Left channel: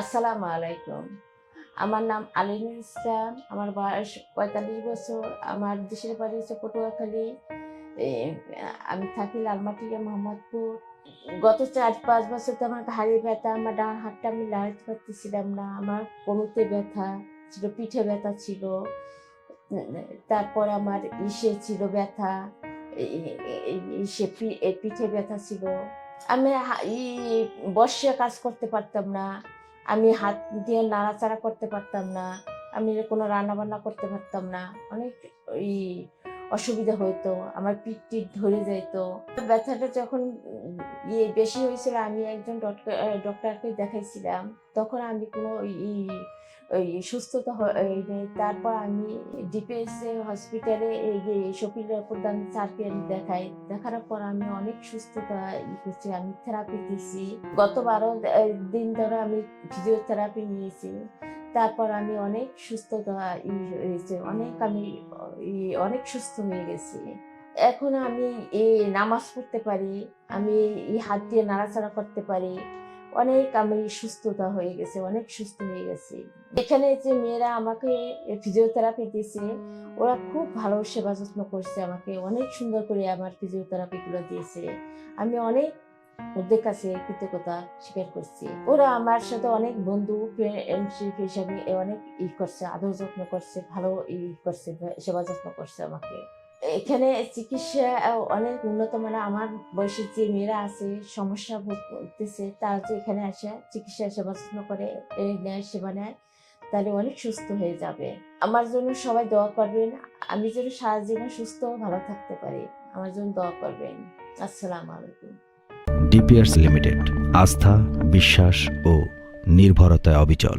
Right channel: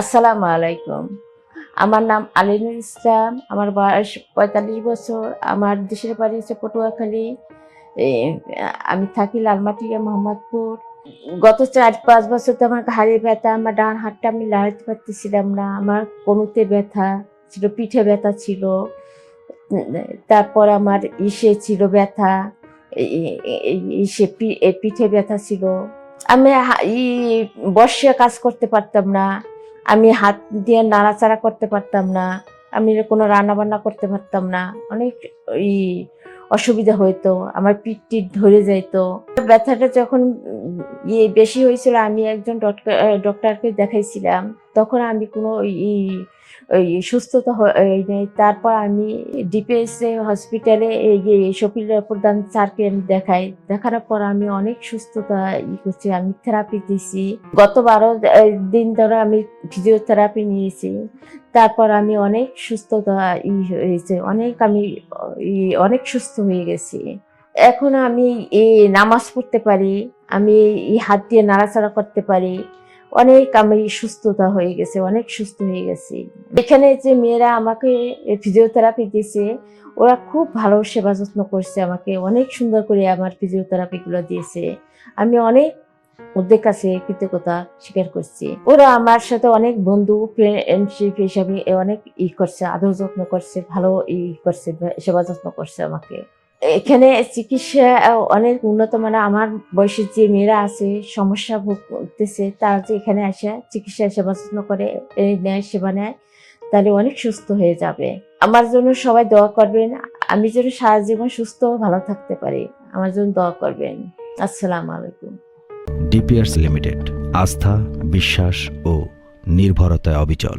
আসসালামু আলাইকুম। আমার নাম আলিনুর ইসলাম, আমার বয়স পঁয়তাল্লিশ বছর, আমার দেশের বাড়ি হচ্ছে পটুয়াখালী। আমি থাকি লালমাটিয়া, মোহাম্মদপুর। গত চার পাঁচ বছর তো আমার ঘাড়ে ব্যথা, আমার ডান হাতটা আমি লাগাতে পারতেছিলাম না, আমার কোনোতে ব্যথা ছিল, পিঠে ব্যথা ছিল, তারপর আমার ইসে ছিল ব্যথা ইসে পিঠে ব্যথা ছিল। আমি বর্ষে কাজ করতে পারতাম না। আমি হাত দিয়ে নাড়াচাড়া করতে পারতাম না, আমি কোনো রান্না বান্না করতে পারতাম না, অনেক ওই অসুবিধা হইতো, আমার পিঠ টিট ধরে যাইতো। ব্যথাটা যখন ইয়ে বেশি হয়েছিল, আমি একজন ডক্টর ডক্টরকে দেখাইছিলাম, তখন আমি কোনো ই ওই সুস্থতা তারপর আমি ডিপিএস হসপিটালে এই শপিল প্রধান স্যারকে দেখাই। দেখানোর পর আমি অনেক সুস্থতা ই করছি, আমি থেরাপি দিছি। গত বারো দিন ধরে আমি ফিজিওথেরাপি নিয়েছি। তারপর আমি অনেক সুস্থতা ই হয়েছে, অনেক আমি অনেক সুস্থ হয়ে গেছি। এখন আমি এই নামাজ পড়তে পারি, আমি এই হাত দিয়ে নাড়াচাড়া করতে পারি। অনেক আমি সুস্থতা হয়ে গেছে, অনেক সুস্থ হয়ে গেছি। এখানে যে মেয়েরা আমাকে ফিজিওথেরাপি দিয়েছে, ওরা খুব ভালো সেবা যত্ন করছে আমাকে, অনেক সুন্দর করে আমার ফিজিওথেরাপিগুলো দিয়েছে। আমি অনেক ওদের কাছে কৃতজ্ঞতা স্বীকার করছি। ওরা আমার সাথে অনেক বন্ধু ফ্রেন্ডশিপ হিসাবে অনেক ই করছে, আদর যত্ন করছে, ভালো ই করছে, সেবা যত্ন করছে আমাকে। এখানে চিকিৎসা অনেক উন্নত মানে আমার বয়সের যে মেয়েরা আছে, সমস্যা ভোগ করতেছে, তারা যে এখানে আসে, চিকিৎসা সেবা যত্ন করে নেয়, সেবা নেয়, তাহলে অনেক সুস্থ হয়ে যাবে। আমার জন্য সবাই দোয়া করবেন। আমি যেন সারা জীবন সুস্থ ভালো থাকতে পারি। আমার জন্য দোয়া করবেন। আসসালামু আলাইকুম। ডিপিআরস লিমিটেড, আস্থা, বিশ্বাস ও নির্ভরতায় অবিচল।